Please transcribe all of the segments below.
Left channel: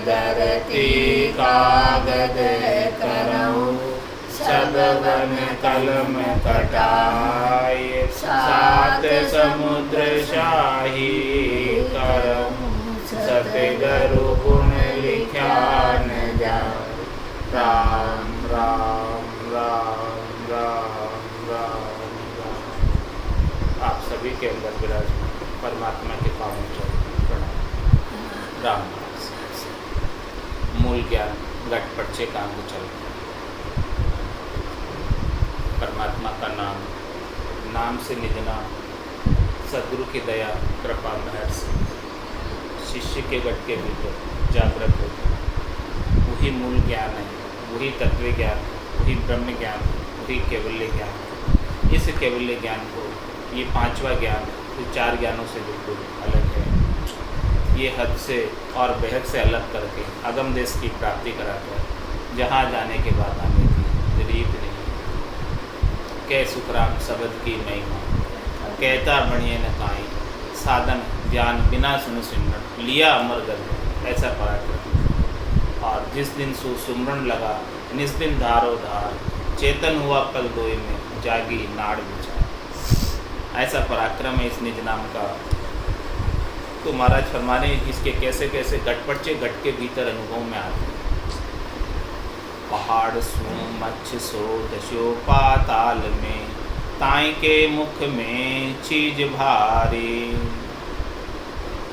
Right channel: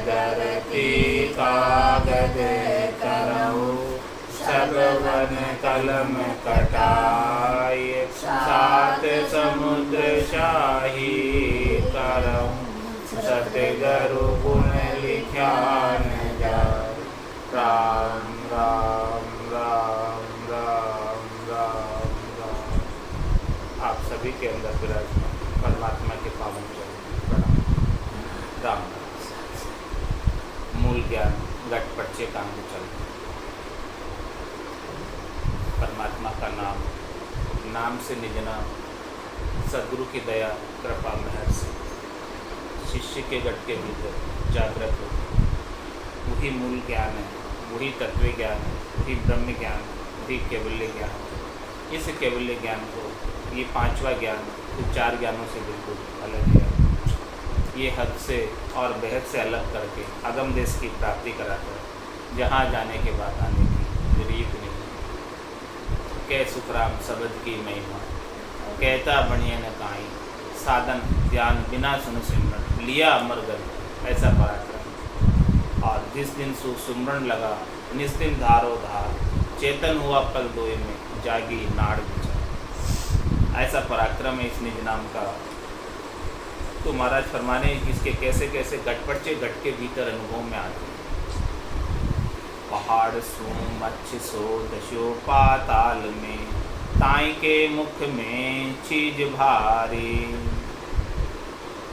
धरती कागज करऊ, सगवन कलम कटाय, सात समुद्र शाही करऊँ, सतगुरु गुण लिख्या न जाय। राम राम राम राम राम राम। आप सभी के अंदर विराजमान परमात्मा के पावन चरण प्रणाम। राम मूल ज्ञान घट पर्चे का अंग चल। परमात्मा का नाम, नाम से निज नाम, सदगुरु की दया कृपा मेहर से शिष्य के घट के भीतर जागृत होता है। वही मूल ज्ञान है, वही तत्व ज्ञान है, वही ब्रह्म ज्ञान है, वही कैवल्य ज्ञान है। इस कैवल्य ज्ञान को, ये पांचवा ज्ञान तो चार ज्ञानों से बिल्कुल अलग है। ये हद से और बेहद से अलग करके अगम देश की प्राप्ति कराता है, जहाँ जाने के बाद आने की रीत नहीं। कै सुखराम शब्द की महिमा, कहता बणिए न काई, साधन ज्ञान बिना सुन सिमरन, लिया अमर गंध ऐसा पराक्रम। और जिस दिन सुमरण लगा, निस दिन धारो धार, चेतन हुआ पल दोय में, जागी नाड़ विचार। ऐसा पराक्रम है इस निज नाम का। तो महाराज फरमाने इसके कैसे कैसे गटपटचे गट के भीतर अनुभव में आते हैं। पहाड़ सो मच्छ सो दशो पाताल में, ताई के मुख में चीज भारी,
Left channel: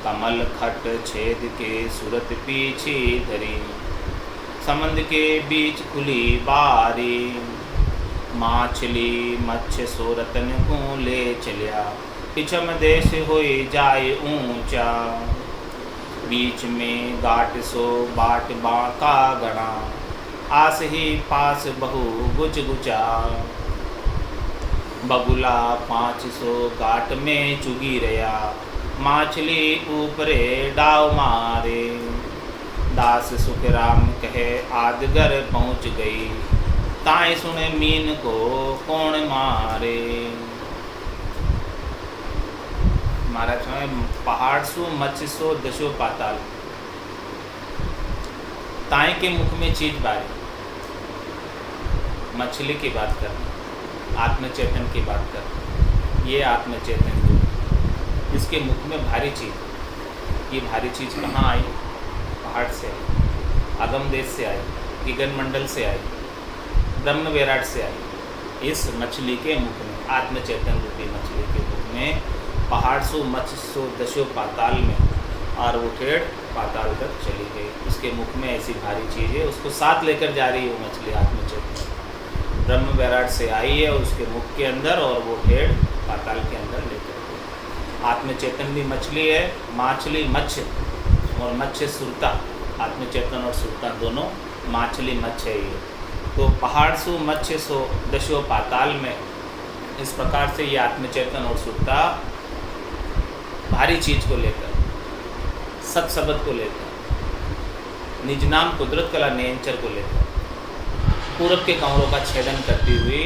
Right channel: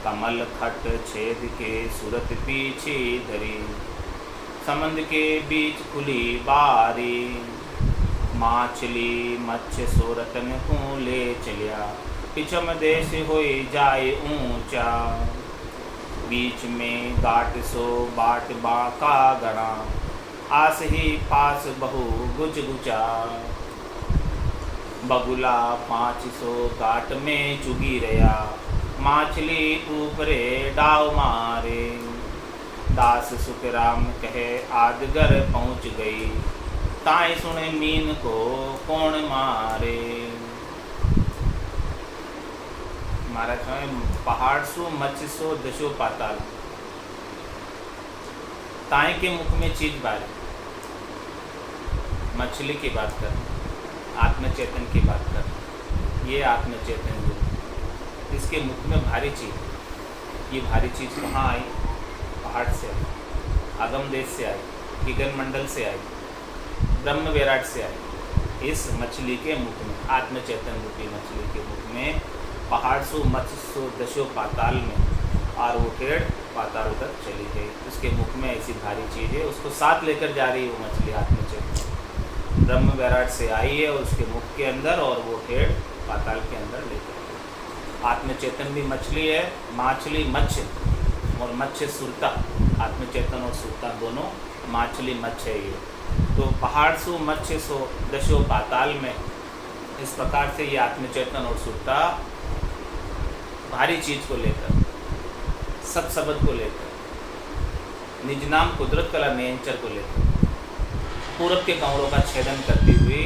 कमल खट छेद के सूरत पीछे धरी, समंद के बीच खुली बारी, माछली मच्छ सो रतन को ले चलिया, पिछम देश होए जाए ऊंचा, बीच में गाट सो बाट बाका गणा, आस ही पास बहु गुच गुचा, बगुला 500 गाट में चुगी रया, माछली ऊपरे डाव मारे, दास सुखराम कहे आदगर पहुँच गई, ताई सुने मीन को कौन मारे। महाराज पहाड़ सो मत्स्य सो दशो पाताल, ताई के मुख में चीज बारी। मछली की बात कर, आत्मचेतन की बात कर, ये आत्मचेतन जो इसके मुख में भारी चीज। ये भारी चीज कहाँ आई? पहाड़ से आई, अगम देश से आई, गगन मंडल से आई, ब्रह्म विराट से आई। इस मछली के मुख में, आत्मचेतन रूपी मछली के मुख में, पहाड़ सो मत्स्य सो दशो पाताल में, और वो टेढ़ पाताल तक चली गई। उसके मुख में ऐसी भारी चीज़ है, उसको साथ लेकर जा रही है वो मछली आत्मचेतन। ब्रह्म विराट से आई है उसके मुख के अंदर, और वो टेढ़ पाताल के अंदर लेकर गई। आत्मचेतन भी मछली है, माछली मत्स्य, और मत्स्य सुरता। आत्मचेतन और सुरता दोनों माछली मत्स्य है ये। तो पहाड़ सो मत्स्य सो दशो पाताल में, इस प्रकार से ये आत्मचेतन और सुरता भारी चीज को लेकर, सत शब्द को लेकर, निज नाम कुदरत कला नियंचर को लेकर, पूरब के कमरों का छेदन करती हुई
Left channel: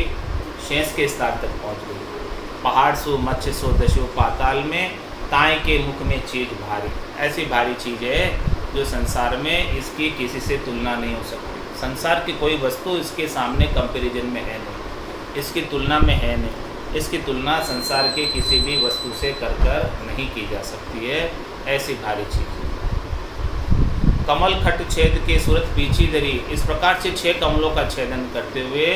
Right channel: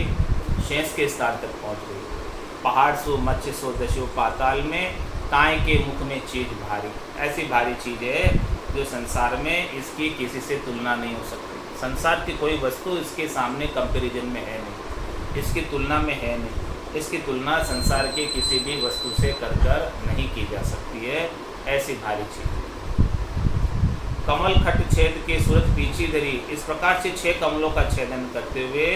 शेष के स्थान तक पहुंच गई। पहाड़ सो मत्स्य सो दशो पाताल में, ताई के मुख में चीज भारी। ऐसी भारी चीज है जो संसार में इसकी किसी से तुलना नहीं हो सकती। संसार की कोई वस्तु इसके सामने कंपैरिजन में है नहीं, इसकी तुलना में है नहीं। इसकी तुलना संसार के किसी भी वस्तु से कर नहीं की जा सकती है। ऐसी भारी चीज। कमल खट छेद के सूरत पीछी धरी, इस प्रकार से 6 कमलों का छेदन करते हुए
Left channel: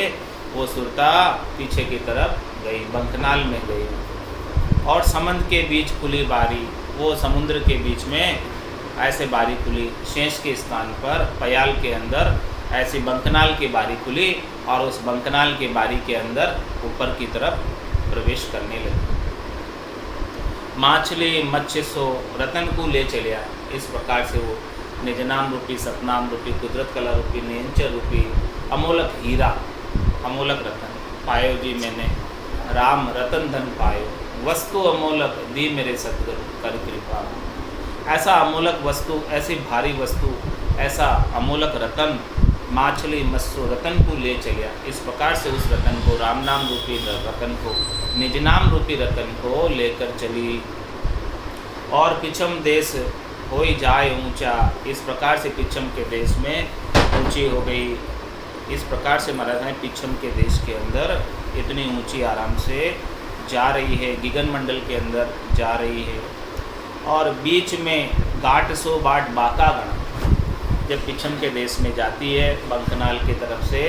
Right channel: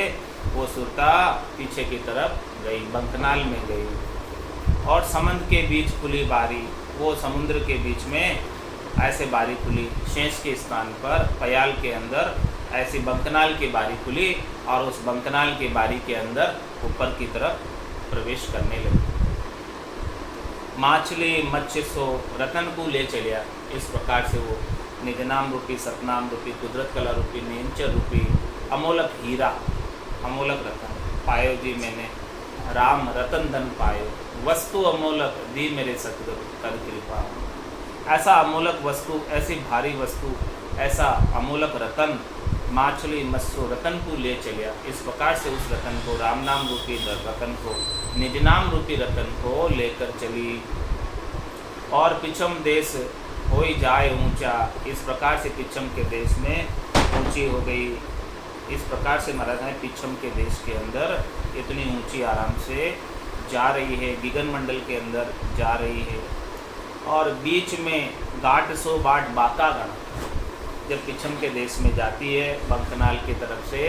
वो सुरता पीछे की तरफ गई, बंकनाल में गई। और समंद के बीच खुली बारी, वो समुद्र के बीच में ऐसे बारी खुली। शेष के स्थान पर पयाल के अंदर ऐसी बंकनाल की बारी खुली, और उस बंकनाल के बारी के अंदर ऊपर की तरफ प्रवेश करने लगी। माछली मत्स्य सो रतन को ले चलिया। इस प्रकार से वो निजनाम रूपी, सतनाम रूपी, कुदरत कला रूपी, नियंचर रूपी अमोलक हीरा, अमोलक रतन पायो जी मैंने, राम रतन धन पायो, वस्तु अमोलक दी मेरे सतगुरु कर कृपा। ऐसा अमोलक वस्तु, ऐसी भारी वस्तु, ऐसा अमोलक रतन माछली मत्स्य रतन को ले चलिया। इस प्रकार से उस रतन को, राम नाम रूपी रतन को, निज नाम रूपी रतन को लेकर चली। और पिछम देश हो ही जाए ऊंचा, इस प्रकार से पिछम के देश में ऊंची हो गई। इस प्रकार से महाराज हैं पिछम के देश के अंदर इतनी ऊंची आराम से जा रही है, गिगन मंडल के अंदर जा रही है। और बीच में घाट सो बाट बाका गणा, जब पिछम के देश में जाती है बंकनाल की तरफ से,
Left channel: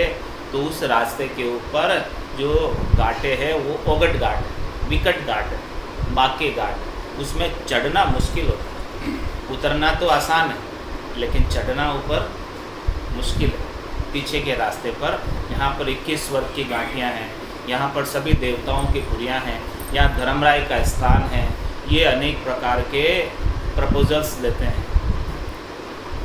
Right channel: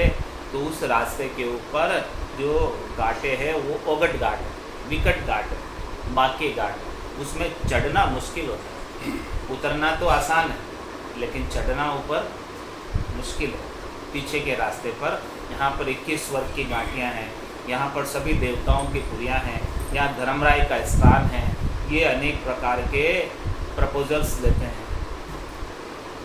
तो उस रास्ते के ऊपर जो घाटे हैं वो ओगट घाट है, विकट घाट है, बाके घाट, उसमें चढ़ना मुश्किल होता है। उतरना तो आसान है लेकिन चढ़ना ऊपर मुश्किल है। पीछे के रास्ते पर यहाँ पर 21 स्वर्ग की घाटियाँ हैं, यहाँ पर सभी देवताओं की पुरियाँ हैं, यहाँ धर्मराय का स्थान है। ये अनेक प्रकार के प्रपोजल्स देते हैं,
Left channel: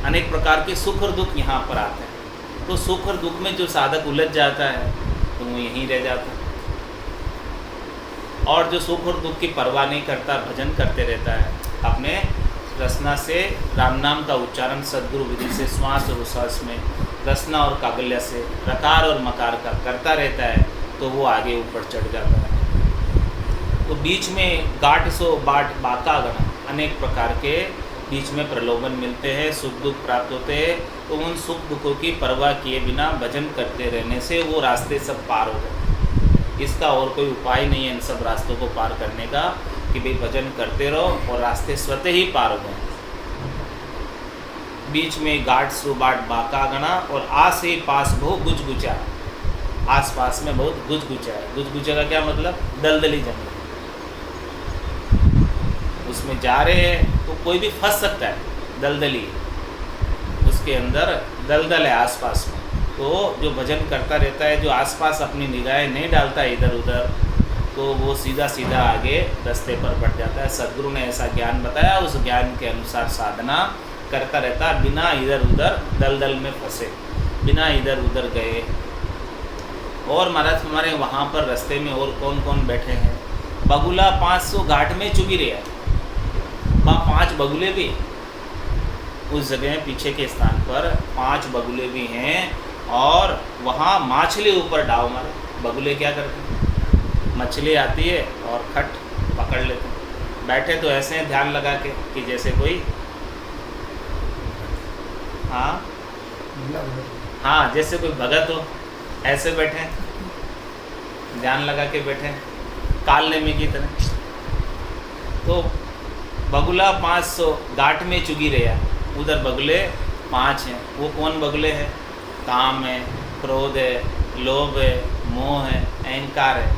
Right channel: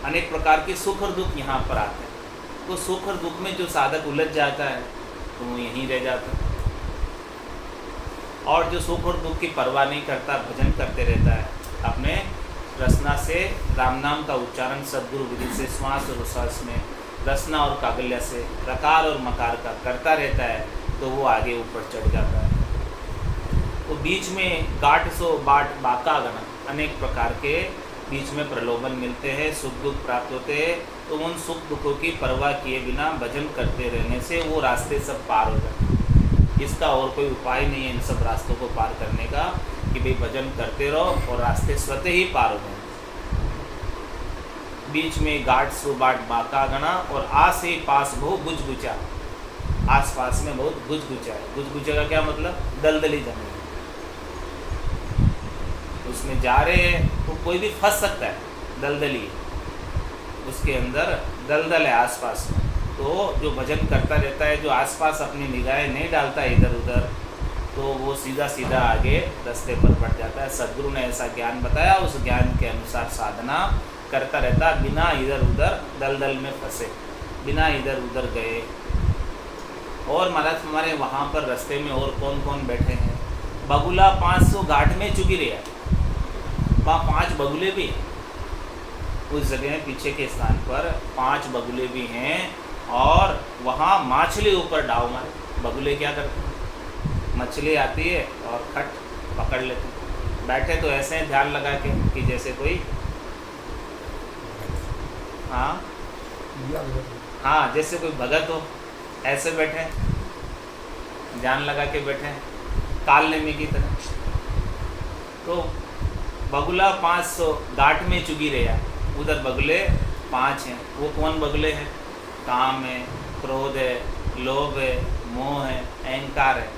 अनेक प्रकार के सुख और दुख यहाँ पर आते हैं। तो सुख और दुख में जो साधक उलझ जाता है तो वो यहीं रह जाता है, और जो सुख और दुख की परवाह नहीं करता, भजन करते रहता है, अपने रसना से राम नाम का उच्चारण सद्गुरु विधि से श्वास और उश्वास में रसना और कागल्य से रकार और मकार का करता रहता है, तो वो आगे ऊपर चढ़ जाता है। तो बीच में गाट सो बाट बाका गणा, अनेक प्रकार के बीच में प्रलोभन मिलते हैं, सुख दुख प्राप्त होते हैं। तो उन सुख दुखों की परवाह किए बिना भजन करते रहने से वो रास्ते सब पार हो जाते हैं। इसका और कोई उपाय नहीं है इन सब रास्तों को पार करने का, कि भाई भजन करते रहो और रास्ते स्वतः ही पार हो जाएंगे। बीच में गाट सो बाट बाका गणा, और आस ही पास बहु गुजगुचा, आस पास में बहुत गुजगुचा है। गुजगुचा का क्या मतलब? दलदली जमीन, उसमें जा रहे हैं तो कोई भी फंस सकता है, दलदली उसके अंदर दलदल है आसपास में। तो जो भजन करता रहता है, जो आसपास अपनी निगाहें नहीं डालता है इधर उधर, तो वो सीधा सीधा आगे रास्ते पर बढ़ जाता है। सद्गुरु ने ऐसा ज्ञान बताया, उस ज्ञान के अनुसार साधना करता रहता, बिना इधर उधर दलदल में फंसे, बिना इधर उधर गए। और महाराज हमारे वहाँ पर रास्ते में और कौन कौन बैठे हैं? बगुला 500 घाट में चुगी रहा, वहाँ 5 बगुले भी उस जगह पीछे के स्थान पर 5 बगुले भी हैं, और वहाँ मछली ऊपर डाव मारे। बगुले क्या करते हैं? मछली आती है और खट पकड़ लेते हैं। बैठे तो ऐसे हैं ध्यान लगा के कि जैसे कोई हाँ जैसे कोई भगत हो, ऐसे बैठे ध्यान लगा के बैठे काल नेमी की तरह। तो बगुला 500 घाट में चुगी रहा, उधर बगुले 5 हैं। वो कौन बगुले हैं? काम है, क्रोध है, लोभ है, मोह है, अहंकार है।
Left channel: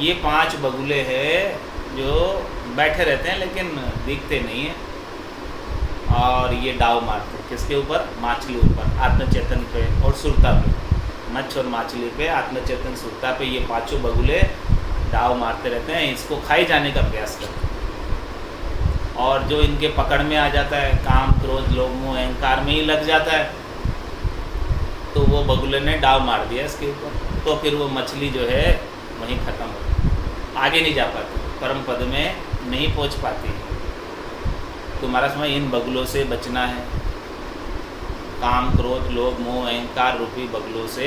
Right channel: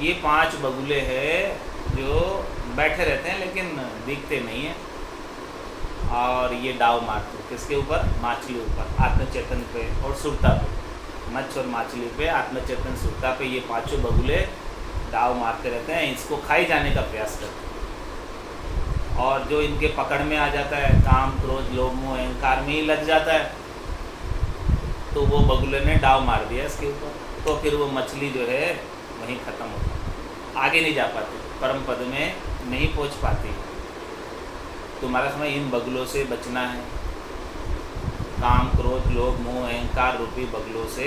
ये 5 बगुले हैं जो बैठे रहते हैं लेकिन दिखते नहीं हैं, और ये डाव मारते हैं किसके ऊपर? मछली ऊपर, आत्मचेतन पे और सुरता पे। मच्छ और मछली पे, आत्मचेतन सुरता पे ये 5 बगुले डाव मारते रहते हैं, इसको खाई जाने का प्रयास करते हैं। और जो इनके पकड़ में आ जाता है, काम क्रोध लोभ मोह अहंकार में ही लग जाता है, तो वो बगुले ने डाव मार दिया इसके ऊपर, तो फिर वो मछली जो है वहीं ख़त्म हो जाती, आगे नहीं जा पाती, परम पद में नहीं पहुंच पाती। तुम्हारा समय इन बगुलों से बचना है, काम क्रोध लोभ मोह अहंकार रूपी बगुलों से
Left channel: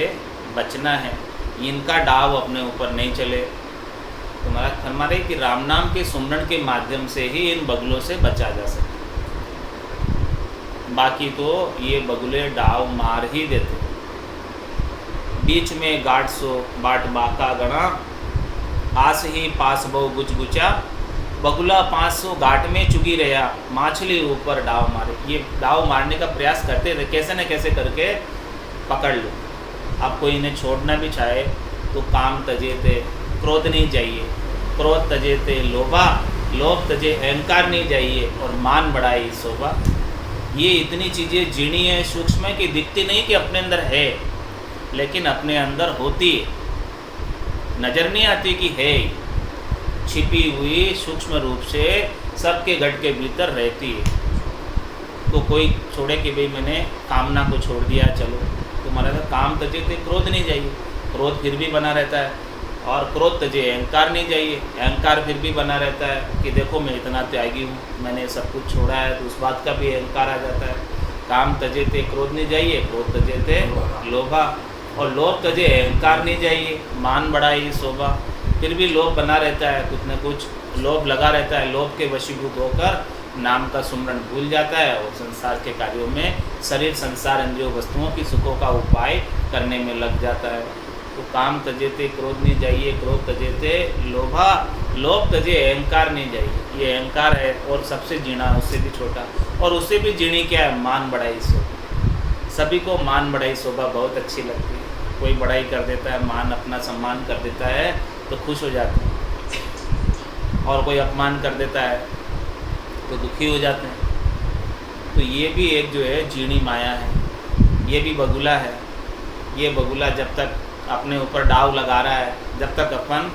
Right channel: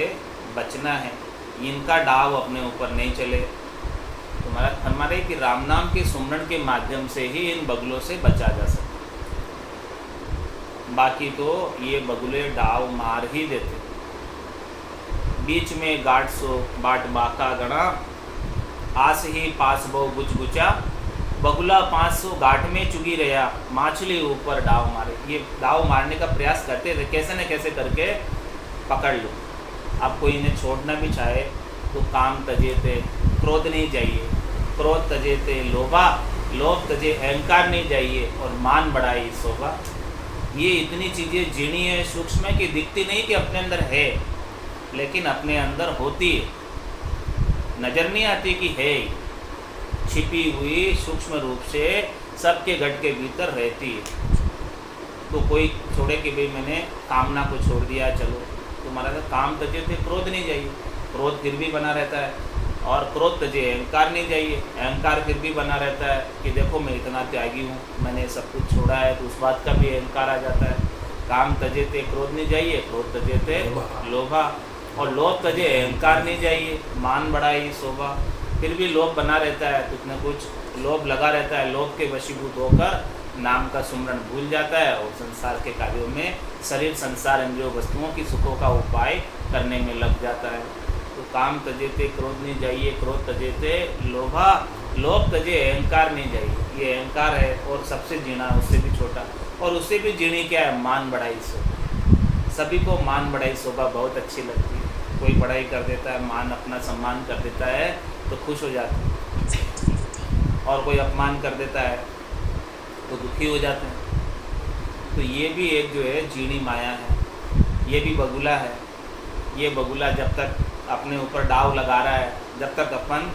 बचना है, इनका डाव अपने ऊपर नहीं चले। तुम्हारा फरमा रहे कि राम नाम के सुमरण के माध्यम से ही इन बगुलों से बचा जा सकता, बाकी तो ये बगुले डाव मार ही देते। बीच में गाट सो बाट बाका गणा, आस ही पास बहु गुचगुचा, बगुला 500 घाट में चुगी रहा, मछली ऊपर डाव मारे। ये डाव मारने का प्रयास करते थे, कैसे न कैसे करके पकड़ लो। अब कोई इन्हें छोड़ना भी चाहे तो काम तजे थे, क्रोध नहीं चाहिए, क्रोध तजे थे लोभा, लोभ तजे अहंकार नहीं चाहिए, और मान बढ़ाई शोभा। ये इतनी चीज़ें जीणी है, सूक्ष्म है कि दिखती नहीं कि अपने अंदर है, लेकिन अपने अंदर होती है, नज़र नहीं आती कि है, छिपी हुई सूक्ष्म रूप से सबके घट के भीतर रहती है। तो कोई छोड़े कि भाई मैंने कामना को छोड़ दिया, चलो तुम्हारा काम तजे थे, क्रोध नहीं चाहिए, क्रोध फिर भी बना रहता है, और क्रोध तजे अहंकार नहीं चाहिए, अहंकार फिर भी बना रहता है कि देखो मैं इतना त्यागी हूँ, मैंने सब कुछ छोड़ा है, तो उस बात का भी अहंकार आ जाता है। काम तजे थे, क्रोध नहीं चाहिए, क्रोध तजे थे लोभा, और लोभ तजे अहंकार नहीं चाहिए, मान बढ़ाई शोभा। फिर भी लोभ बना रहता है, कुछ न कुछ लोभ लगा रहता है, लोभ के वशीभूत होकर नाम का सुमरण भूल जाता है और संसार के कार्यों में शरीर संसार इंद्रियों वस्तुओं की सुखों का उपाय करने में लग जाता है। तो काम तजेते क्रोध नहीं जाइए, क्रोध तजेते लोभा, लोभ तजे अहंकार नहीं जाइए। ये अहंकार है और सबसे जीना उससे भी छोटा, और उससे भी जीणी क्या है, मान बढ़ाई शोभा। सभी को मान बढ़ाई शोभा बहुत अच्छी लगती है। कोई बढ़ाई कर देता है, मान अपना सम्मान कर देता है तो खुश हो जाते हैं, और कोई अपमान कर देता है तो दुखी हो जाते हैं। तो ये भी एक जो है जीणी माया है, ये भी बगुला है। ये बगुला जब तक अपने ऊपर डाव लगा रहा है, जब तक अपन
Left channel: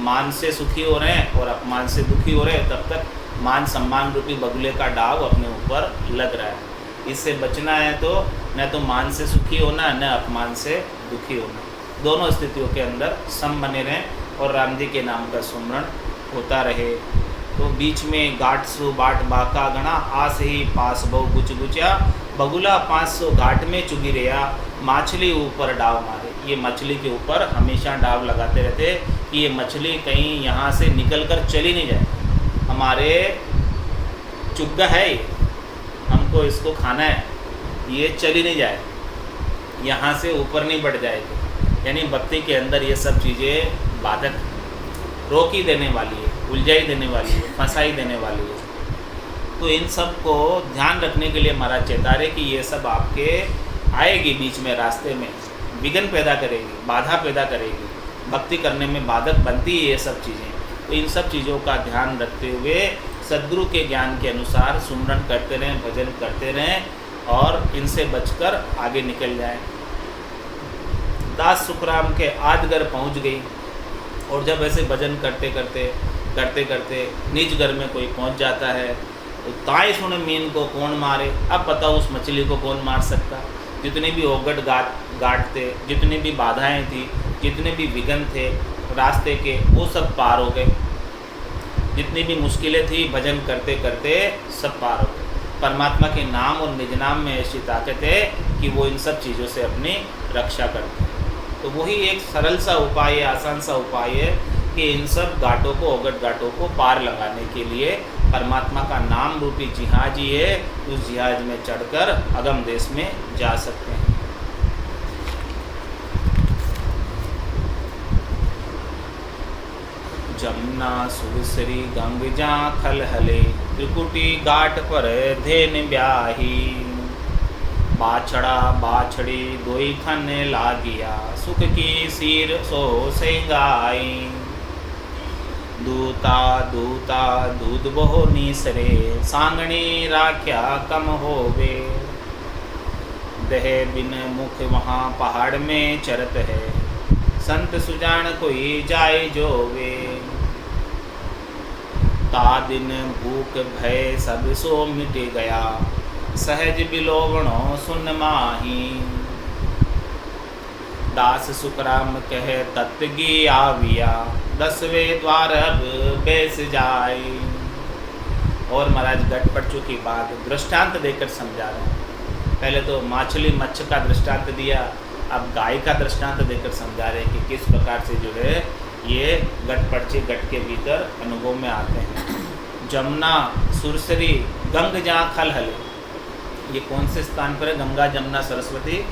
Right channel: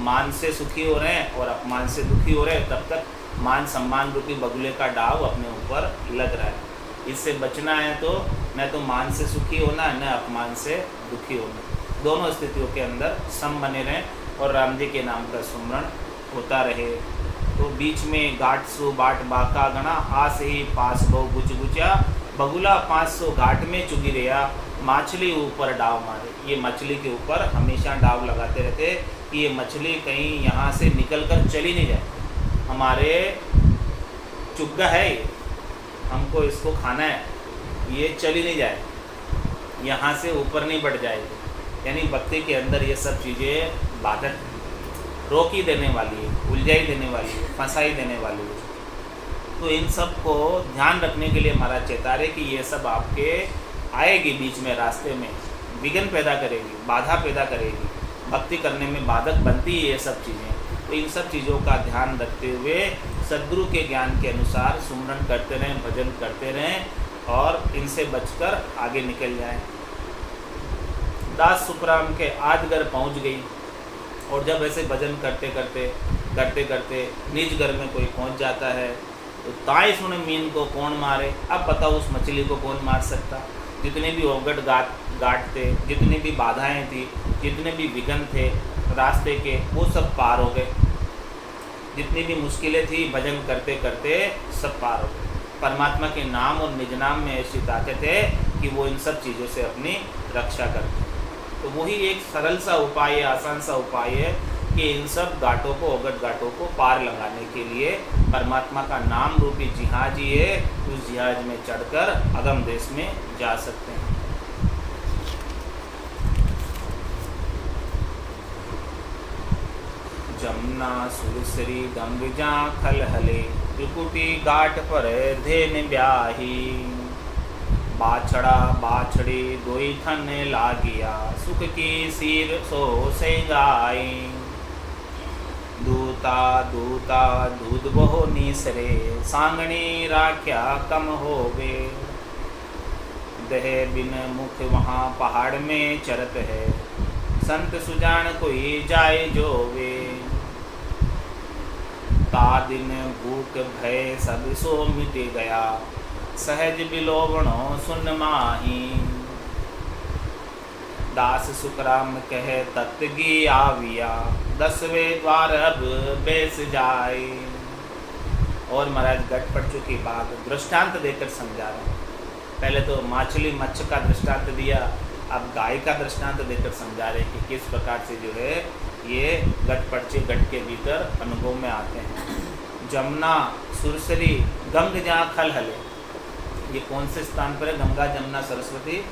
मान से सुखी हो रहे हैं और अपमान से दुखी हो रहे हैं, तब तक मान सम्मान रूपी बगुले का डाव अपने ऊपर लग रहा है। इससे बचना है तो न तो मान से सुखी होना, न अपमान से दुखी होना। दोनों स्थितियों के अंदर सम बने रहें और राम जी के नाम का सुमरण होता रहे। तो बीच में गाट सु बाट बाका गणा, आस ही पास बहु गुच गुचा, बगुला 500 घाट में चुगी रहा, मछली ऊपर डाव मारे। ये मछली के ऊपर हमेशा डाव लगाते रहते कि ये मछली कहीं यहाँ से निकल कर चली नहीं जाए, हमारे चुग्गा है ये, हमको इसको खाना है, ये चली नहीं जाए, यहाँ से ऊपर नहीं बढ़ जाएगी। यानी भक्ति के अंदर ये सब चीज़ें बाधक, रोकी देने वाली है, उलझाई देने वाली है, फंसाई देने वाली है। तो इन सब को ध्यान रखने के लिए महाराज चेता रहे कि ये सब आपके आएगी बीच में, रास्ते में विघ्न पैदा करेगी, बाधा पैदा करेगी, भक्ति करने में बाधक बनती है ये सब चीज़ें। तो इन सब चीज़ों का ध्यान रखते हुए सद्गुरु के ज्ञान के अनुसार सुमरन करते रहें, भजन करते रहें और इनसे बचकर आगे निकल जाएं। दास सुखराम के आजगर पहुंच गई, और जब ऐसे भजन करते करते निज घर में कोई पहुंच जाता है तो ताई सुने मीन को कौन मारे। अब बताओ उस मछली को कौन मार सकता। जितने भी ओगट गाट थे, जितनी भी बाधाएं थी, जितने भी विघ्न थे रास्ते के, वो सब पार हो गए। जितनी भी मुश्किलें थी भजन करते करते सब पार हो गए। परमात्मा के नाम और निज नाम में ऐसी ताकत है कि वो इन सब चीज़ों से अपनी रक्षा करते हैं। तो वही एक सरल सा उपाय है, आसान सा उपाय है कि इन सब घाटों को, ओगट घाटों को पार लगाने के लिए परमात्मा का नाम रूपी जिहाज ही है, उस जिहाज में चढ़कर अगम देश में जा सकते हैं। जमुना सुरसरी गंगजा खलहले, त्रिकुटी घाट पर धेन ब्याही, बाछड़ा बाछड़ी दोई थन लागिया, सुख की सिर सो सेंगाई, दूता दूता दूध बहो निसरे, सांगणी राख्या कम होवे, दह बिन मुख वहाँ पहाड़ में चरत है, संत सुजान कोई जाए जोवे, ता दिन भूख भय सब सो मिट गया, सहज बिलोवणो सुन माही, दास सुखराम कह तत्गी आविया, 10वें द्वार अब बैस जाए। और महाराज गटपटचू की बात दृष्टांत देकर समझा रहे हैं। पहले तो मछली मच्छ का दृष्टांत दिया, अब गाय का दृष्टांत देकर समझा रहे हैं कि किस प्रकार से जो है ये गटपटचे गट के भीतर अनुभव में आते हैं। जमुना सुरसरी गंग जहाँ खलहले, ये कौन से स्थान पर है? गंगा जमुना सरस्वती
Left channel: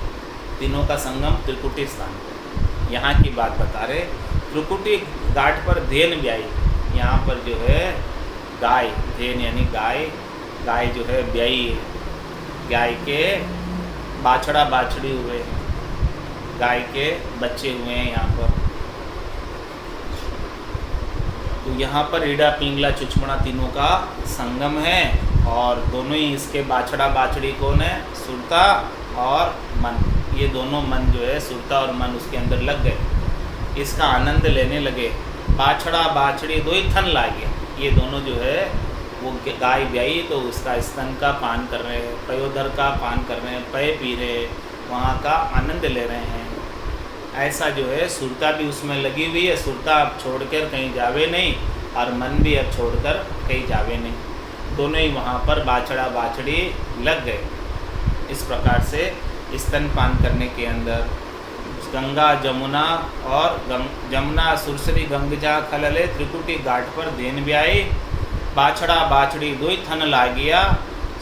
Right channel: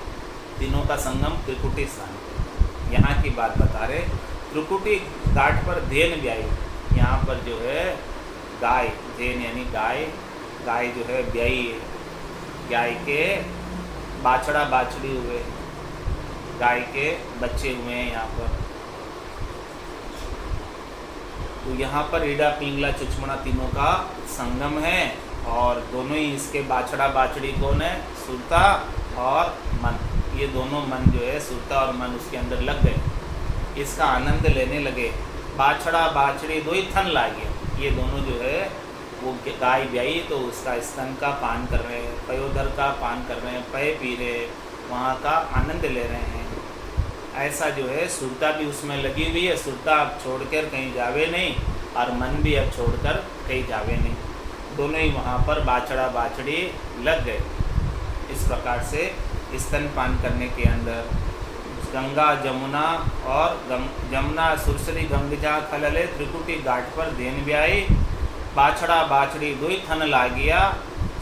तीनों का संगम त्रिकुटी स्थान पर, यहाँ की बात बता रहे। त्रिकुटी घाट पर धेन ब्याई, यहाँ पर जो है गाय, धेन यानी गाय, गाय जो है ब्याई है, गाय के बाछड़ा बाछड़ी हुए, गाय के बच्चे हुए हैं यहाँ पर। तो यहाँ पर ईड़ा पिंगला चुचमुड़ा तीनों का संगम है, और दोनों ही इसके बाछड़ा बाछड़ी कौन है? सुरता और मन। ये दोनों मन जो है, सुरता और मन उसके अंदर लग गए, इसका आनंद लेने लगे। बाछड़ा बाछड़ी दो ही थन ला गया, ये दोनों जो है वो गाय ब्याई तो उसका स्तन का पान कर रहे हैं, पयोधर का पान कर रहे हैं, पय पी रहे हैं, वहाँ का आनंद ले रहे हैं। ऐसा जो है सुरता भी उसमें लगी हुई है, सुरता अब छोड़कर कहीं जावे नहीं और मन भी अब छोड़कर कहीं जावे नहीं, दोनों ही वहाँ पर बाछड़ा बाछड़ी लग गए। इस प्रकार से स्तनपान करने के अंदर गंगा जमुना और जमुना सुरसरी गंगजा खलले, त्रिकुटी घाट पर धेन ब्याई, बाछड़ा बाछड़ी दुई थन लागिया,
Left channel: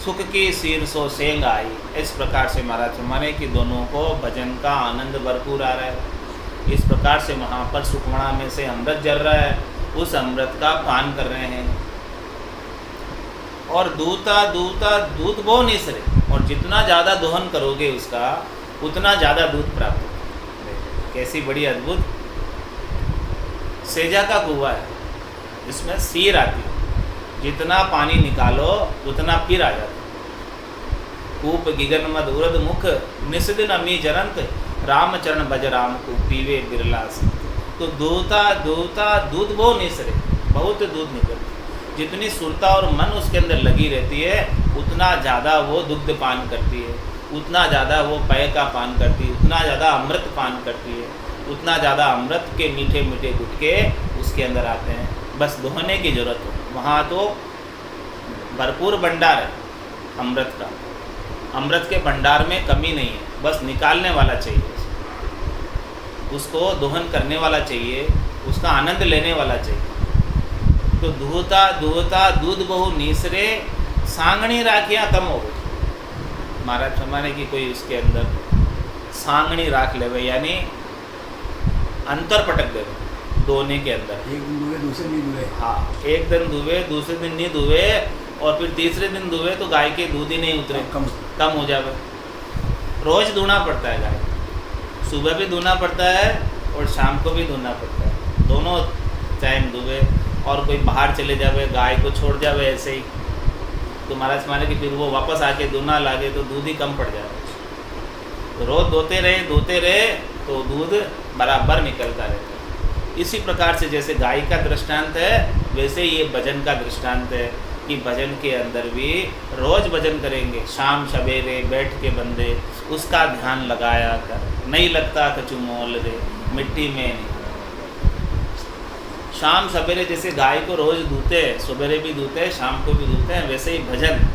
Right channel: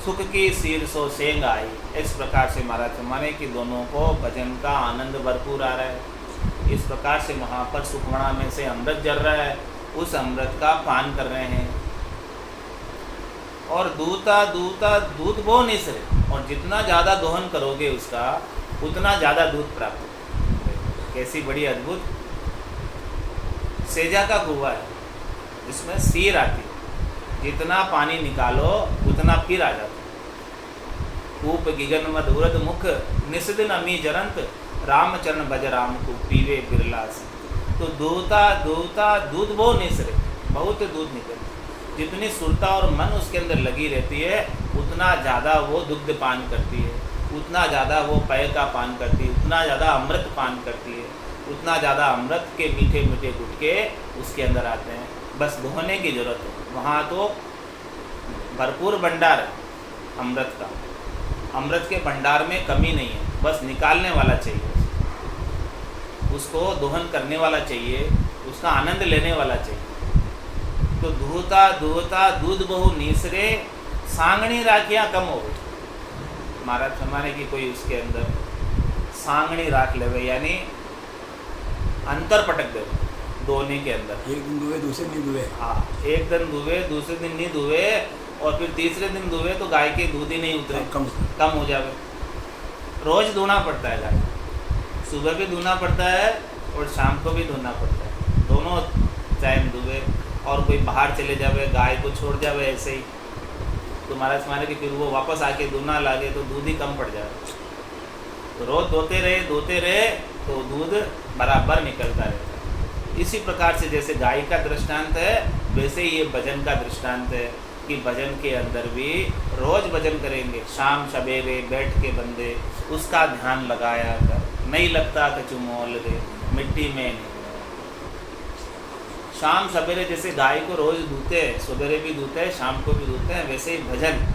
सुख की सीर सो सेंग आई। इस प्रकार से महाराज माने कि दोनों को भजन का आनंद भरपूर आ रहा है। इस प्रकार से वहाँ पर सुखमणा में से अमृत जल रहा है, उस अमृत का पान कर रहे हैं। और दूता दूता दूध वो निसरे, और जितना ज़्यादा दोहन करोगे उसका उतना ज़्यादा दूध प्राप्त होगा। कैसी बड़ी अद्भुत सेजा का कुआं है, इसमें सीर आती है, जितना पानी निकालो उतना फिर आ जाता। कूप गिगन मद उरद मुख, निस्दिन अमी जरंत, रामचरण बज राम को पीवे बिरलास। तो दूता दूता दूध वो निसरे, बहुत दूध निकलती। जितनी सुरता और मन उसके अंदर लगी रहती है उतना ज़्यादा वो दुग्ध पान करती है, उतना ज़्यादा वो पेय का पान करती है, उतना ज़्यादा अमृत पान करती है, उतना ज़्यादा अमृत के मीठे मीठे गुटके उसके अंदर आते हैं। बस दोहने की ज़रूरत है। वहाँ तो भरपूर भंडार है अमृत का, अमृत के भंडार में कमी नहीं है, बस निकालने वाला चाहिए, उसको दोहन करने वाला चाहिए, उसका आनंद लेने वाला चाहिए। तो दूहता दूहता दूध बहु नीसरे, सांगणी राखियाँ कम हो गई। महाराज फरमाने की कोई उसके अंदर सांगणी राख लेवे, यानी अंतर पटक देवे दोने के अंदर। एक दिन दुबे दूसरे दिन दुबे। हाँ, एक दिन दुबे दूसरे दिन नहीं दुबे, और फिर तीसरे दिन दुबे तो गाय के दूध ही नहीं उतरे, कम हो जावे। रोज़ धोना पड़ता है गाय, सुबह भी धोना पड़ता है और शाम को भी धोना पड़ता है, दोनों टाइम दुबे। और कोई बाहर चले जावे, गाय को छोड़ जावे ऐसे ही, तो महाराज माने कि फिर वो वापस आके धोना लागे तो दूध ही कम पड़ जाए। तो रोज़ धोते रहे तो दूध बराबर निकलता रहता है। इसी प्रकार से जैसे गाय का दृष्टांत है, वैसे ही ये भजन का दृष्टांत है कि भजन के अंदर भी रोज़ भजन करेंगे, शाम सवेरे बैठ के बंदे उसका ध्यान लगाया कर। नहीं लगता कछु मोल रे, मिट्टी में नहीं। शाम सवेरे जैसे गाय को रोज़ धोते हैं, सवेरे भी धोते हैं, शाम को भी धोते हैं, वैसे ही भजन।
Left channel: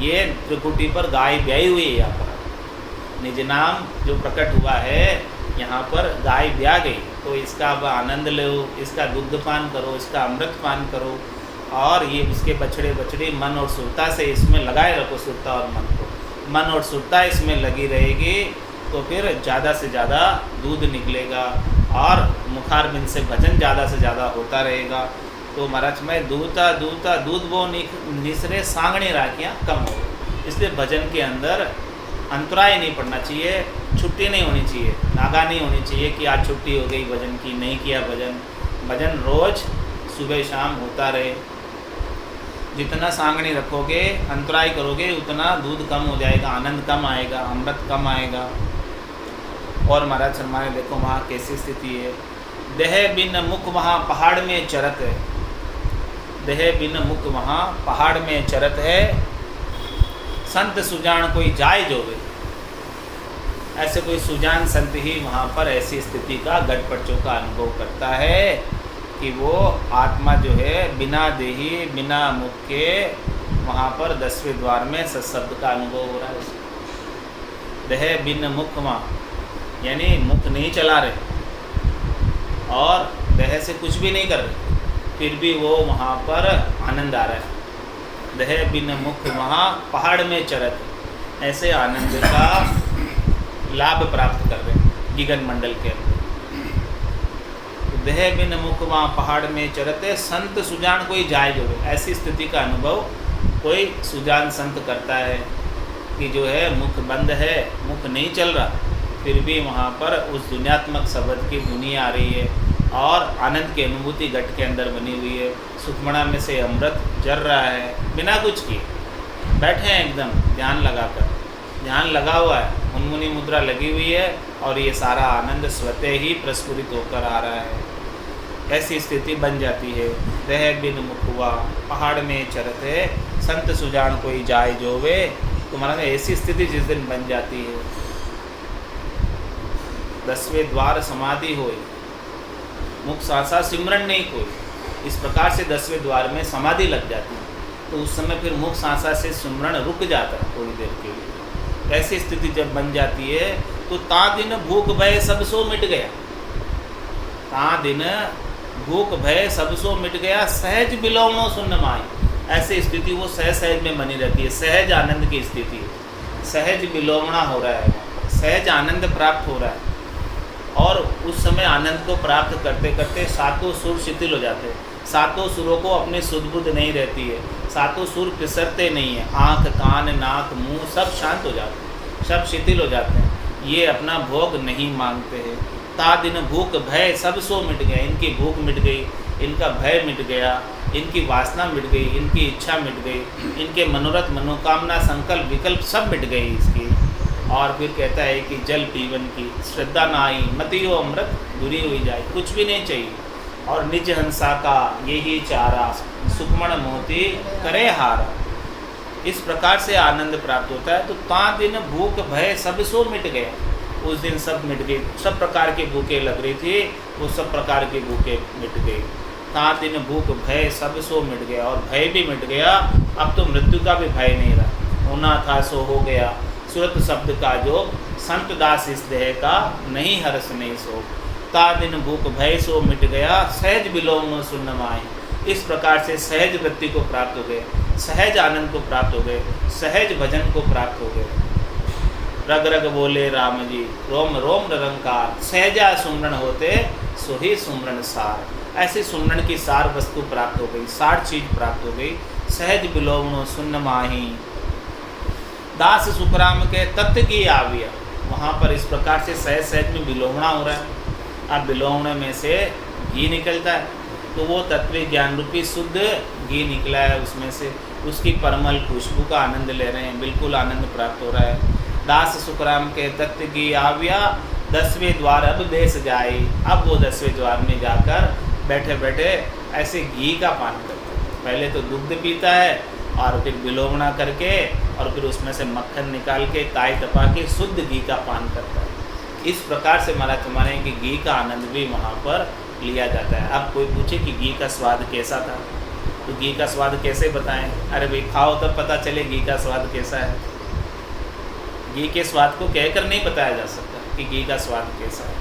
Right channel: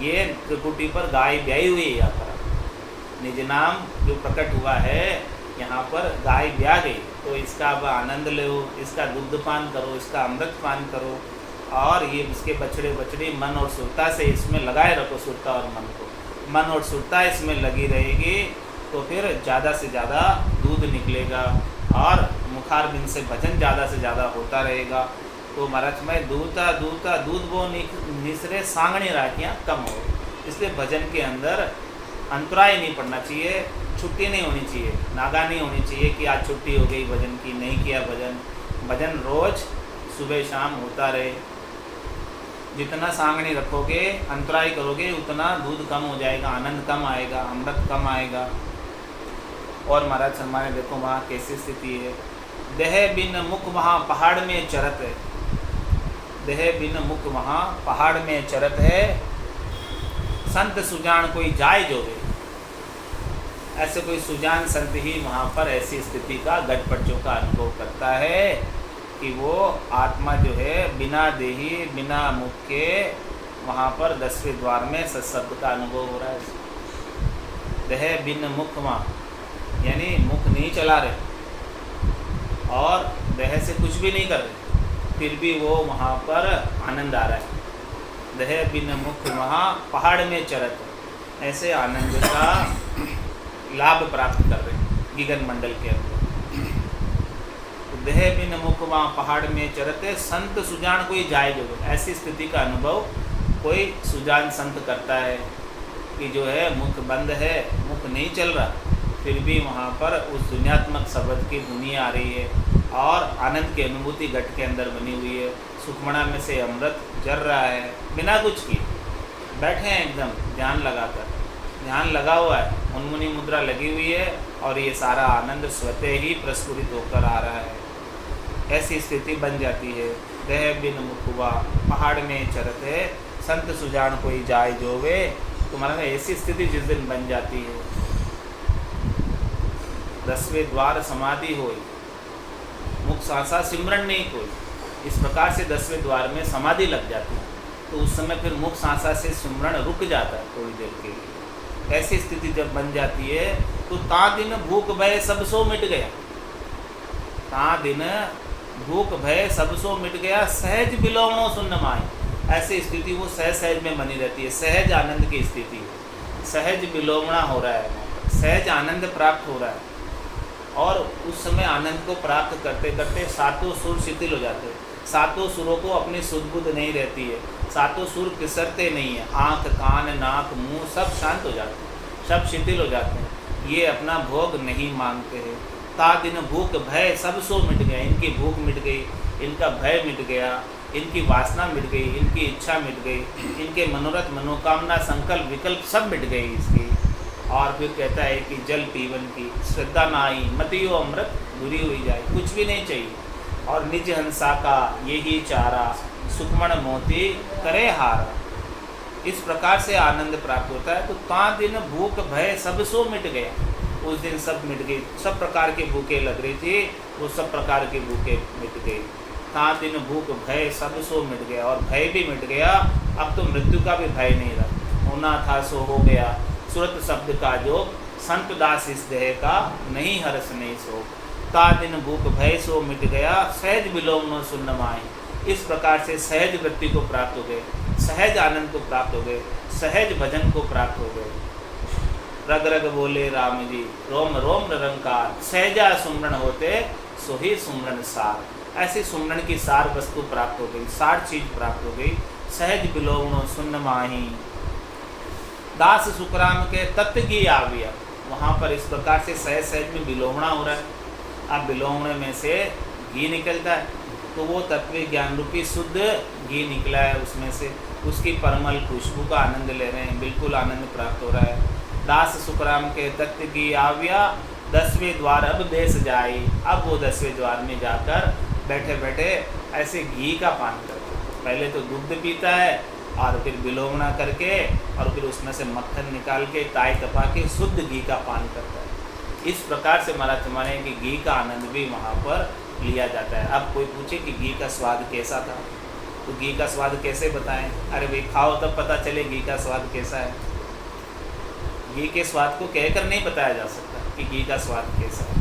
ये त्रिकुटी पर गाय ब्याई हुई है, यहाँ पर निज नाम जो प्रकट हुआ है यहाँ पर गाय ब्या गई, तो इसका अब आनंद लो, इसका दुग्ध पान करो, इसका अमृत पान करो, और ये उसके बछड़े बछड़ी मन और सुरता से इसमें लगाए रखो। सुरता और मन को, मन और सुरता इसमें लगी रहेगी तो फिर ज़्यादा से ज़्यादा दूध निकलेगा और मुखारबिंद से भजन ज़्यादा से ज़्यादा होता रहेगा। तो महाराज मैं दूता दूता दूध वो निसरे, सांगणी राखियाँ कम हो। इसलिए भजन के अंदर अंतराय नहीं पड़ना चाहिए, छुट्टी नहीं होनी चाहिए, नागा नहीं होनी चाहिए कि आज छुट्टी हो गई भजन की, नहीं किया भजन। भजन रोज़ सुबह शाम होता रहे। जितना सांगणी रखोगे, अंतराय करोगे, उतना दूध कम हो जाएगा, आनंद कम आएगा, अमृत कम आएगा। और महाराज शर्मा ने देखो वहाँ कैसी स्थिति है। देह बिन मुख वहाँ पहाड़ में चरत है, देह बिन मुख वहाँ पहाड़ में चरत है, संत सुजान कोई जाय जोवे। ऐसे कोई सुजान संत ही वहाँ पर ऐसी स्थिति का गटपटचों का अनुभव करता है कि वो आत्मा जो है बिना देही बिना मुख के वहाँ पर 10वें द्वार में सत्शब्द का अनुभव हो रहा है। देह बिन मुख वहाँ यानी मुख नहीं चला रहे और देह से कुछ भी नहीं कर रहे, फिर भी वो वहाँ पर आनंद आ रहा है। देह बिन मुख वहाँ पहाड़ में चरत, ऐसे आनंद का लाभ प्राप्त कर रहे हैं गिगन मंडल के अंदर। तो देह बिन मुख वहाँ पहाड़ में चरते, संत सुजान कोई जाय जो, ऐसी स्थिति का अनुभव कोई सुजान संत करता है कि जो है मुख बंद है, मुख नहीं चल रहा, फिर भी वहाँ पर उस दुनियात्मक शब्द की धुनी आ रही है और आनंद की अनुभूति घट के अंदर बनी हुई है। सुखमणा में से अमृत जर रहा है बिना कुछ किए, बैठे हैं एकदम ध्यान लगाकर, ध्यान लगा हुआ है, उन्मुनी मुद्रा लगी हुई है और ये सारा आनंद स्वतः ही प्रस्फुरित होकर आ रहा है। ऐसी स्थिति बन जाती है। देह बिन मुखवा पहाड़ में चरत है, संत सुजान कोई जाय जोवे। तुम्हारा ऐसी स्थिति जिस दिन बन जाती है, 10वें द्वार समाधि होई, मुख सासा सिमरन नहीं कोई, इस प्रकार से 10वें द्वार में समाधि लग जाती है। तो उस समय फिर मुख सांसा से सिमरन रुक जाता है थोड़ी देर के लिए। ऐसी स्थिति जब बन जाती है तो ता दिन भूख भय सब सो मिट गया, ता दिन भूख भय सब सो मिट गया, सहज बिलोवणो सुन्न माई। ऐसी स्थिति वो सहज में बनी रहती है, सहज आनंद की स्थिति है, सहज विलोमना हो रहा है, सहज आनंद प्राप्त हो रहा है। और उस समय आनंद को प्राप्त करते करते सातों सुर शिथिल हो जाते हैं, सातों सुरों को अपनी सुध-बुध नहीं रहती है, सातों सुर पिसरते नहीं है, आँख कान नाक मुंह सब शांत हो जाते हैं, सब शिथिल हो जाते हैं। ये अपना भोग नहीं मांगते हैं। ता दिन भूख भय सब सो मिट गए, इनकी भूख मिट गई, इनका भय मिट गया, इनकी वासना मिट गई, इनकी इच्छा मिट गई, इनके मनोरथ मनोकामना संकल्प विकल्प सब मिट गए इसकी। और फिर कहता है कि जल पीवन की श्रद्धा ना आई, मतियो अमृत दूरी हुई जाए, कुछ भी नहीं चाहिए। और निज हंसा का यही चारा, सुखमण मोती करे हारा। इस प्रकार से आनंद प्राप्त होता है। तो ता दिन भूख भय सब सो मिट गया, उस दिन सब मिट गई, सब प्रकार के भूखे लग रही थी, वो सब प्रकार के भूखे मिट गए। ता दिन भूख भय सब सो मिट गया, और भय भी मिट गया। अब तो मृत्यु का भी भय नहीं रहा, होना था सो हो गया। सुरत शब्द का जो संत दास इस देह का, नहीं हर्ष नहीं शोक। ता दिन भूख भय सो मिट गया, सहज विलोम सुन्न माए। इस प्रकार से सहज वृत्ति को प्राप्त हो गए, सहज आनंद को प्राप्त हो गए, सहज भजन को प्राप्त हो गए। रग रग बोले राम जी, रोम रोम निरंकार, सहजा सुमरण होते सो ही सुमरण सार। ऐसी सुमरण की सार वस्तु प्राप्त हो गई, सार चीज प्राप्त हो गई। सहज विलोमनो सुन्न माही, दास सुखराम के तत्व की आविया। वहाँ पर इस प्रकार से सहज सहज में विलोमना हो रहा है। अब विलोमने में से घी निकलता है, तो वो तत्व ज्ञान रूपी शुद्ध घी निकला है उसमें से, उसकी परमल खुशबू का आनंद ले रहे हैं, बिल्कुल आनंद प्राप्त हो रहा है। दास सुखराम के तत्व की आविया, 10वें द्वार अब बेस जाए। अब वो 10वें द्वार में जाकर बैठे बैठे ऐसे घी का पान करते हैं। पहले तो दुग्ध पीता है, और फिर विलोमना करके, और फिर उसमें से मक्खन निकाल के ताई तपा के शुद्ध घी का पान करता है। इस प्रकार से महाराज हमारे कि घी का आनंद भी वहाँ पर लिया जाता है। अब कोई पूछे कि घी का स्वाद कैसा था, तो घी का स्वाद कैसे बताएं? अरे भाई खाओ तब पता चले घी का स्वाद कैसा है। घी के स्वाद को कहकर नहीं बताया जा सकता कि घी का स्वाद कैसा है,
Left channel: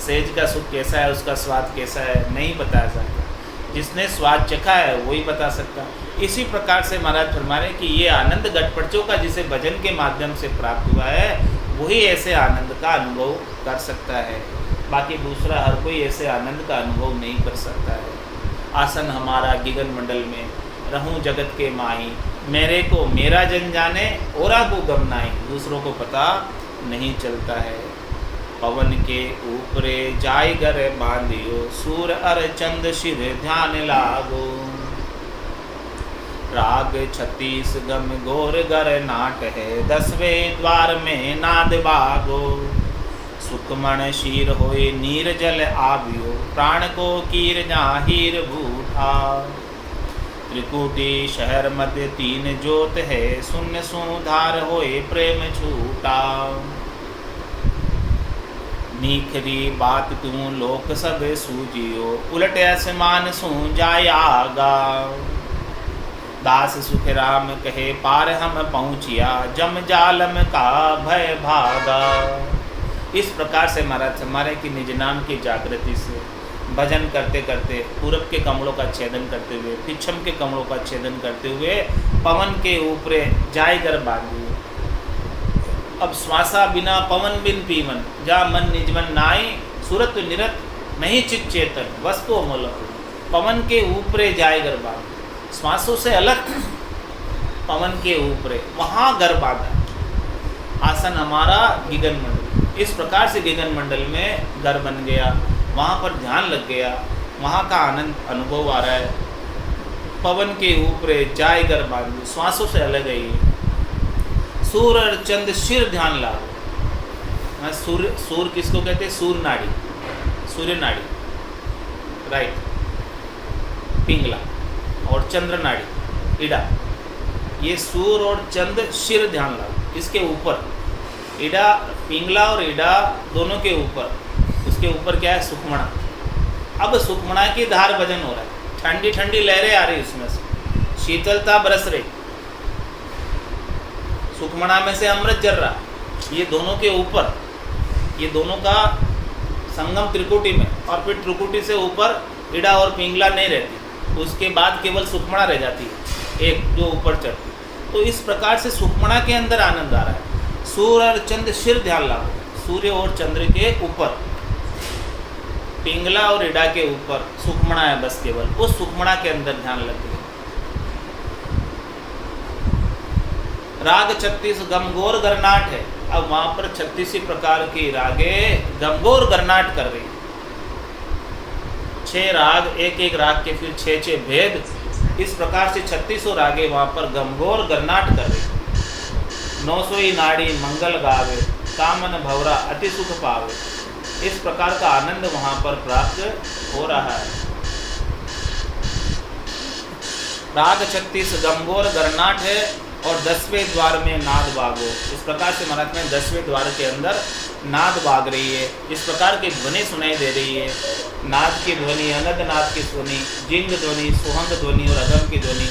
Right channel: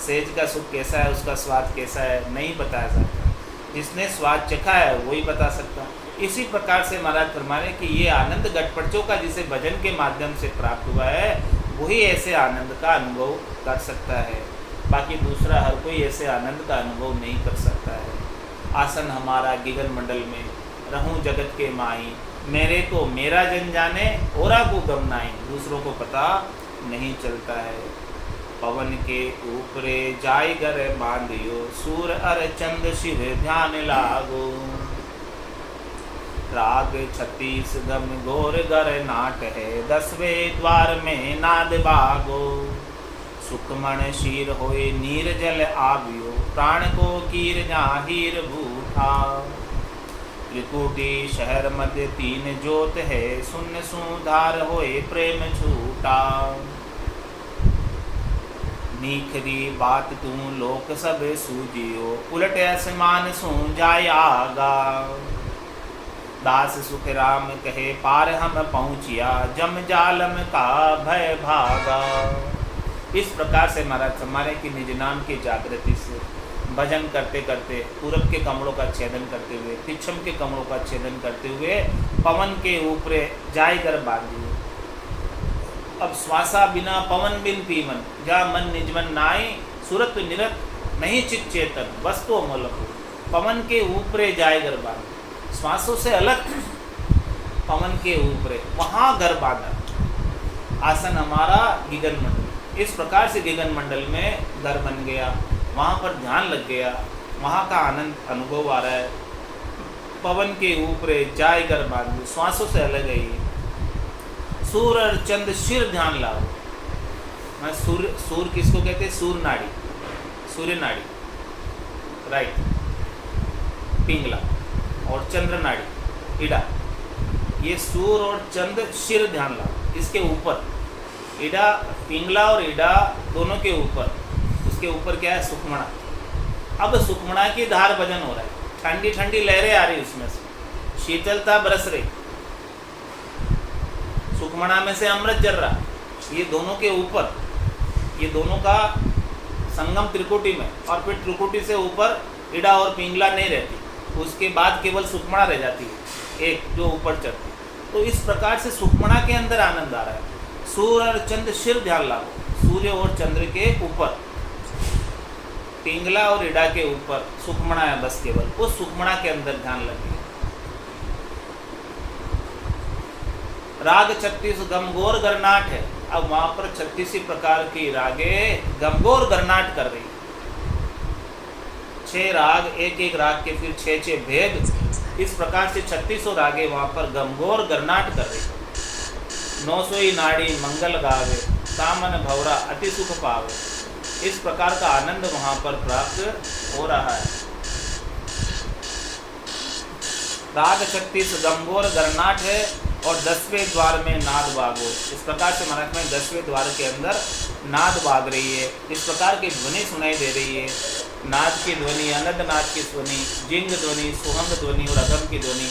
सेज का सुख कैसा है, उसका स्वाद कैसा है, नहीं बताया सकता। जिसने स्वाद चखा है वही बता सकता। इसी प्रकार से महाराज फरमाने कि ये आनंद गटपटचों का जिसे भजन के माध्यम से प्राप्त हुआ है, वही ऐसे आनंद का अनुभव कर सकता है। बाकी दूसरा हर कोई ऐसे आनंद का अनुभव नहीं कर सकता है। आसन हमारा गिगन मंडल में, रहूं जगत के माही, मेरे को मेरा जन जाने, औरा को गम नाई। दूसरों को पता नहीं चलता है। पवन के ऊपरे जाय गर बांधियो, सूर अर चंद शिर ध्यान लागो। राग 36 गम गोर गर नाट है, 10वें द्वार में नाद बागो। सुखमण शीर होए नीर जल आवियो, प्राण को कीर जाहिर बूठा। त्रिकुटी शहर मध्य 3 जोत है, शून्य सुधार होए प्रेम छूटा। नीखरी बात तू लोक सब सूजियो, उलट आसमान सू जाय आगा। दास सुख राम कहे पार हम पहुँचिया, जम जालम का भय भागा। इस प्रकार से महाराज हमारे की निज नाम की जागृति से भजन करते करते, पूरब के कमलों का छेदन करते हुए, पिछम के कमलों का छेदन करते हुए, पवन के ऊपरे जाय कर बांधिए। अब श्वासा बिना पवन बिन पीवन, जा मन निजमन नाई, सुरत निरत नहीं चित चेतन, वस्तु अमोलक। पवन के ऊपरे जाय कर बांध, श्वासों से अलग पवन के ऊपरे, वहाँ घर बांधा। आसन हमारा गिगन मंडल, इस प्रकार से गिगन मंडल में घर बन गया, वहाँ पर ध्यान लग गया, वहाँ का आनंद अनुभव आ रहा है। पवन के ऊपरे जाय घर बांधी, श्वासों से अलग है ये। सूर और चंद शिर ध्यान लागो। सूर किसको कहते हैं? सूर नाड़ी, सूर्य नाड़ी, राइट, पिंगला, और चंद्र नाड़ी, इडा। ये सूर और चंद शिर ध्यान लागो। इसके ऊपर इडा, पिंगला और इडा दोनों के ऊपर, उसके ऊपर क्या है? सुखमणा। अब सुखमणा की धार भजन हो रहा है, ठंडी ठंडी लहरें आ रही उसमें से, शीतलता बरस रही, सुखमणा में से अमृत जल रहा। ये दोनों के ऊपर, ये दोनों का संगम त्रिकुटी में, और फिर त्रिकुटी से ऊपर इडा और पिंगला नहीं रहती, उसके बाद केवल सुखमणा रह जाती है। एक जो ऊपर चढ़ती। तो इस प्रकार से सुखमणा के अंदर आनंद आ रहा है। सूर्य और चंद्र सिर ध्यान लागो, सूर्य और चंद्र के ऊपर, पिंगला और इडा के ऊपर सुखमणा है बस, केवल उस सुखमणा के अंदर ध्यान लगे। राग 36 गमगोर गरनाट है। अब वहां पर 36 प्रकार की रागे गमगोर गरनाट कर रही, 6 राग, एक एक राग के फिर 6 भेद, इस प्रकार से 36 रागे वहां पर गमगोर गरनाट कर रही। 900 नाड़ी मंगल गावे, कामन भवरा अति सुख पावे। इस प्रकार का आनंद वहां पर प्राप्त हो रहा है। राग 36 गमगोर गरनाट है और 10वें द्वार में नाद बागो। इस प्रकार से महाराज में 10वें द्वार के अंदर नाद बाग रही है। इस प्रकार की ध्वनि सुनाई दे रही है। नाद की ध्वनि, अनंत नाद की ध्वनि, जिंग ध्वनि, सुहंग ध्वनि और अगम की ध्वनि,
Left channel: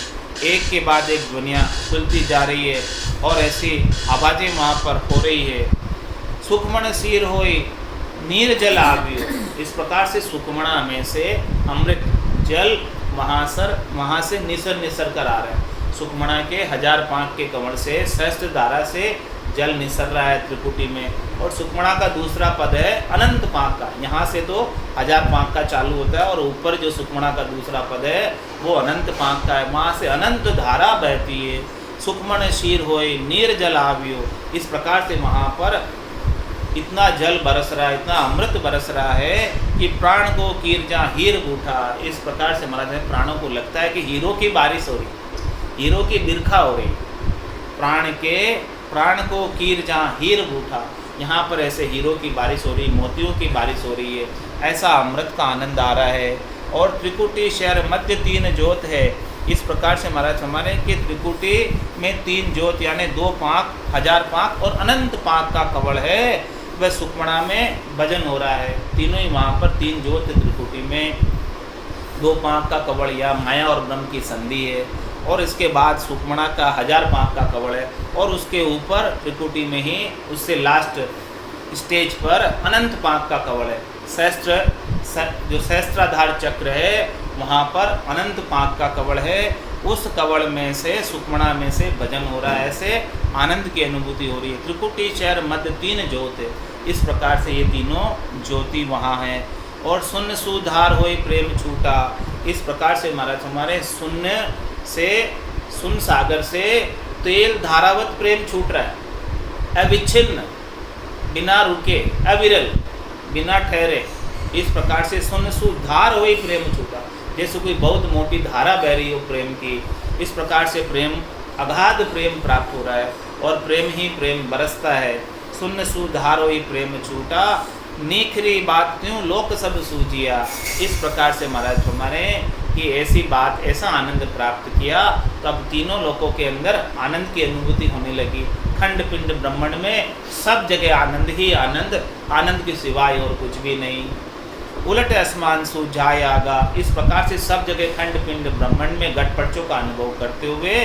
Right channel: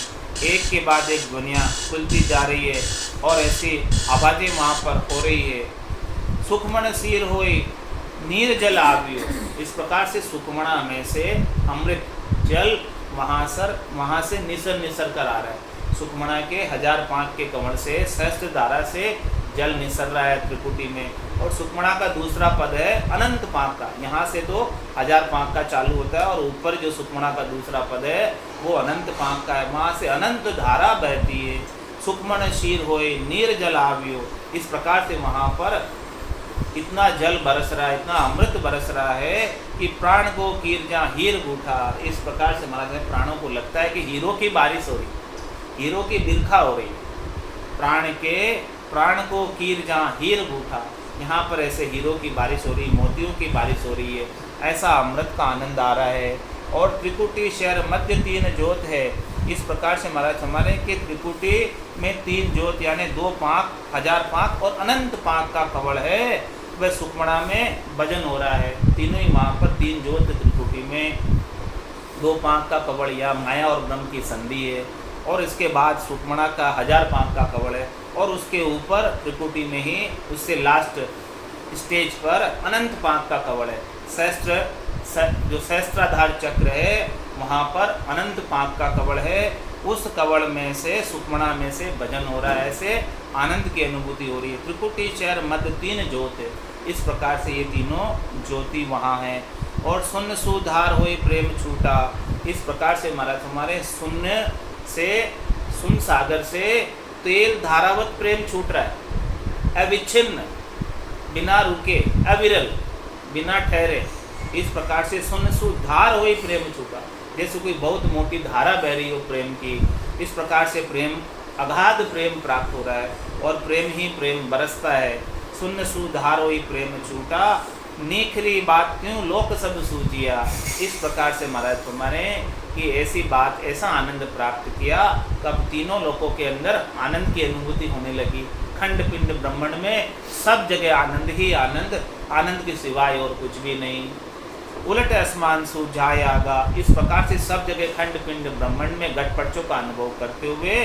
एक के बाद एक ध्वनियाँ खुलती जा रही है और ऐसी आवाज़ें वहाँ पर हो रही है। सुखमण सीर होई नीर जल आवियो। इस प्रकार से सुखमणा में से अमृत जल वहाँ से निसर निसर कर आ रहा है। सुखमणा के 1000 पांक के कमल से सहस्त्र धारा से जल निसर रहा है त्रिकुटी में। और सुखमणा का दूसरा पद है अनंत पांक का। यहाँ से तो 1000 पांक का चालू होता है और ऊपर जो सुखमणा का दूसरा पद है वो अनंत पांक का है। वहाँ से अनंत धारा बहती है। सुखमण शीर होए नीर जल आवियो। इस प्रकार से वहाँ पर इतना जल बरस रहा है, इतना अमृत बरस रहा है कि प्राण को कीर जा हीर बूठा। इस प्रकार से महाराज है प्राणों को लगता है कि हीरो की बारिश हो रही, हीरो की बिरखा हो रही। प्राण को कीर जा हीर बूठा। यहाँ पर ऐसे हीरो की बारिश हो रही, मोतियों की बारिश हो रही है। ऐसा अमृत का आनंद आ रहा है। और त्रिकुटी शहर मध्य 3 जोत है। इस प्रकार से महाराज हमारे कि त्रिकुटी में 3 जोत यानी 2 पांक, 1000 पांक और अनंत पांक का कवल है। वह सुखमणा में भजन हो रहा है। तीनों ही वहाँ पर 3 जोत त्रिकुटी में, 2 पांक का कवल या माया और ब्रह्म की संधि है। और इसके बाद सुखमणा का 1000 पांक का कवल है। और उसके ऊपर त्रिकुटी में ही उससे लास्ट स्टेज पर अनंत पांक का कवल है। जो सहस्त्राधार चक्र है वहाँ पर अनंत पांक का कवल है। उस कवल में से सुखमणा में से भजन हो रहा है। ऐसे आनंद की अनुभूति हो रही है। त्रिकुटी शहर मध्य 3 ज्योत है। इस प्रकार से ये तीनों ज्योति वहाँ हैं। और शून्य सुधार होए प्रेम छूटा। इस प्रकार से महाराज हमारे शून्य से, शून्य सागर से तेल धारावत प्रेम छूट रहा है, अविच्छिन्न, बिना रुके, अविरल, बिना ठहरे। इस प्रकार से शून्य सुधार होए प्रेम छूटा। जैसे कोई बहुत मोटी धारा बह रही हो प्रेम की, इस प्रकार से प्रेम, अगाध प्रेम प्राप्त हो रहा है और प्रेम ही प्रेम बरसता है। शून्य सुधार होई प्रेम छूटा, निखरी बात क्यों लोक सब सूझिया। इस प्रकार से महाराज हमारे कि ऐसी बात, ऐसा आनंद प्राप्त किया तो अब तीनों लोकों के अंदर आनंद की अनुभूति होने लगी। खंड पिंड ब्रह्मांड में सब जगह आनंद ही आनंद, आनंद के सिवाय और कुछ भी नहीं। उलट आसमान सुझाए आगा। इस प्रकार से सब जगह खंड पिंड ब्रह्मांड में घटपटों का अनुभव करते हुए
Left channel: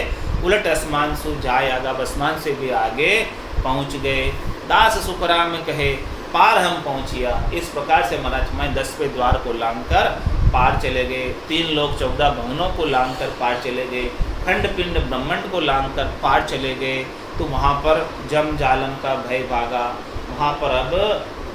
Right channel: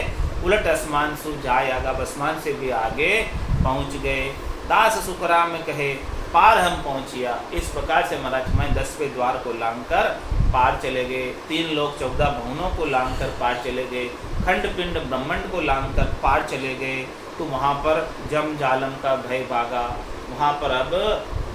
उलट आसमान सुझाए आगा, आसमान से भी आगे पहुँच गए। दास सुखराम कहे पार हम पहुँचिया। इस प्रकार से महाराज मैं 10वें द्वार को लांघकर पार चले गए। 3 लोक 14 भवनों को लांघकर पार चले गए। खंड पिंड ब्रह्मांड को लांघकर पार चले गए। तो वहाँ पर जम जालम का भय भागा। वहाँ पर अब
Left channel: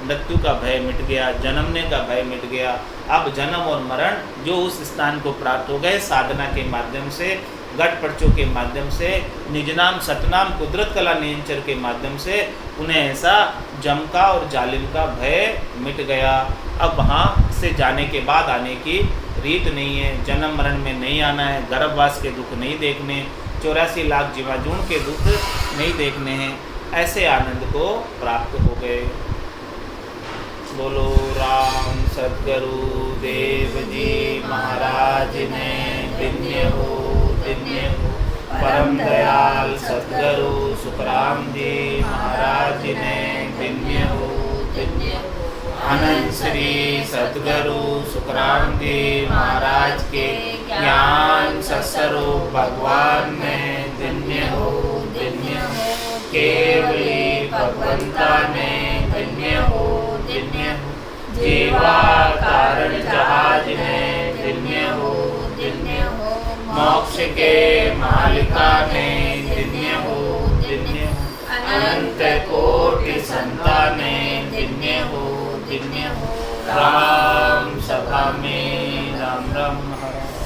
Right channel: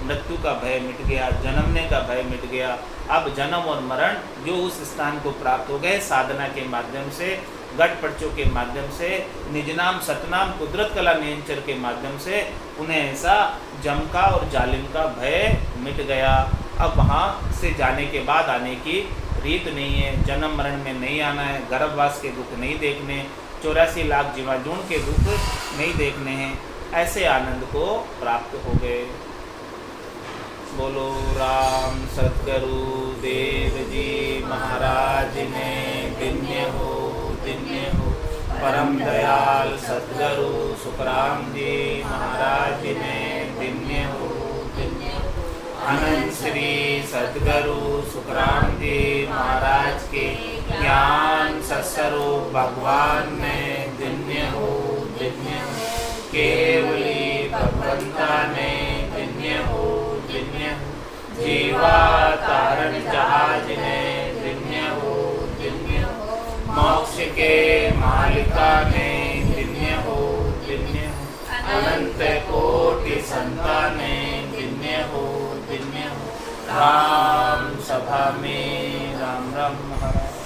मृत्यु का भय मिट गया, जन्मने का भय मिट गया। अब जन्म और मरण जो उस स्थान को प्राप्त हो गए साधना के माध्यम से, गठपटचों के माध्यम से, निजनाम सतनाम कुदरत कला नियंचर के माध्यम से, उन्हें ऐसा जम का और जालिम का भय मिट गया। अब वहाँ से जाने के बाद आने की रीत नहीं है। जन्म मरण में नहीं आना है। गर्भवास के दुख नहीं देखने, 84 लाख जीवाणु के दुख नहीं देखने हैं। ऐसे आनंद को प्राप्त हो गए। बोलो राम सद्गुरु देव जी महाराज ने दिव्य हो, दिव्य हो। परम दयाल सद्गुरु सुखराम जी महाराज ने दिव्य हो, दिव्य हो। अनंत श्री सद्गुरु सुखराम जी महाराज के ज्ञान सत्स्वरूप भगवान ने दिव्य हो, दिव्य हो। केवली भगवंता ने दिव्य हो, दिव्य हो। जीवा तारण जहाज ने दिव्य हो, दिव्य हो। मोक्ष के मालिका ने दिन्य हो दिन्य हो। अनंत कोटि संताने दिन्य हो दिन्य हो। राम सभा में राम राम महाराज।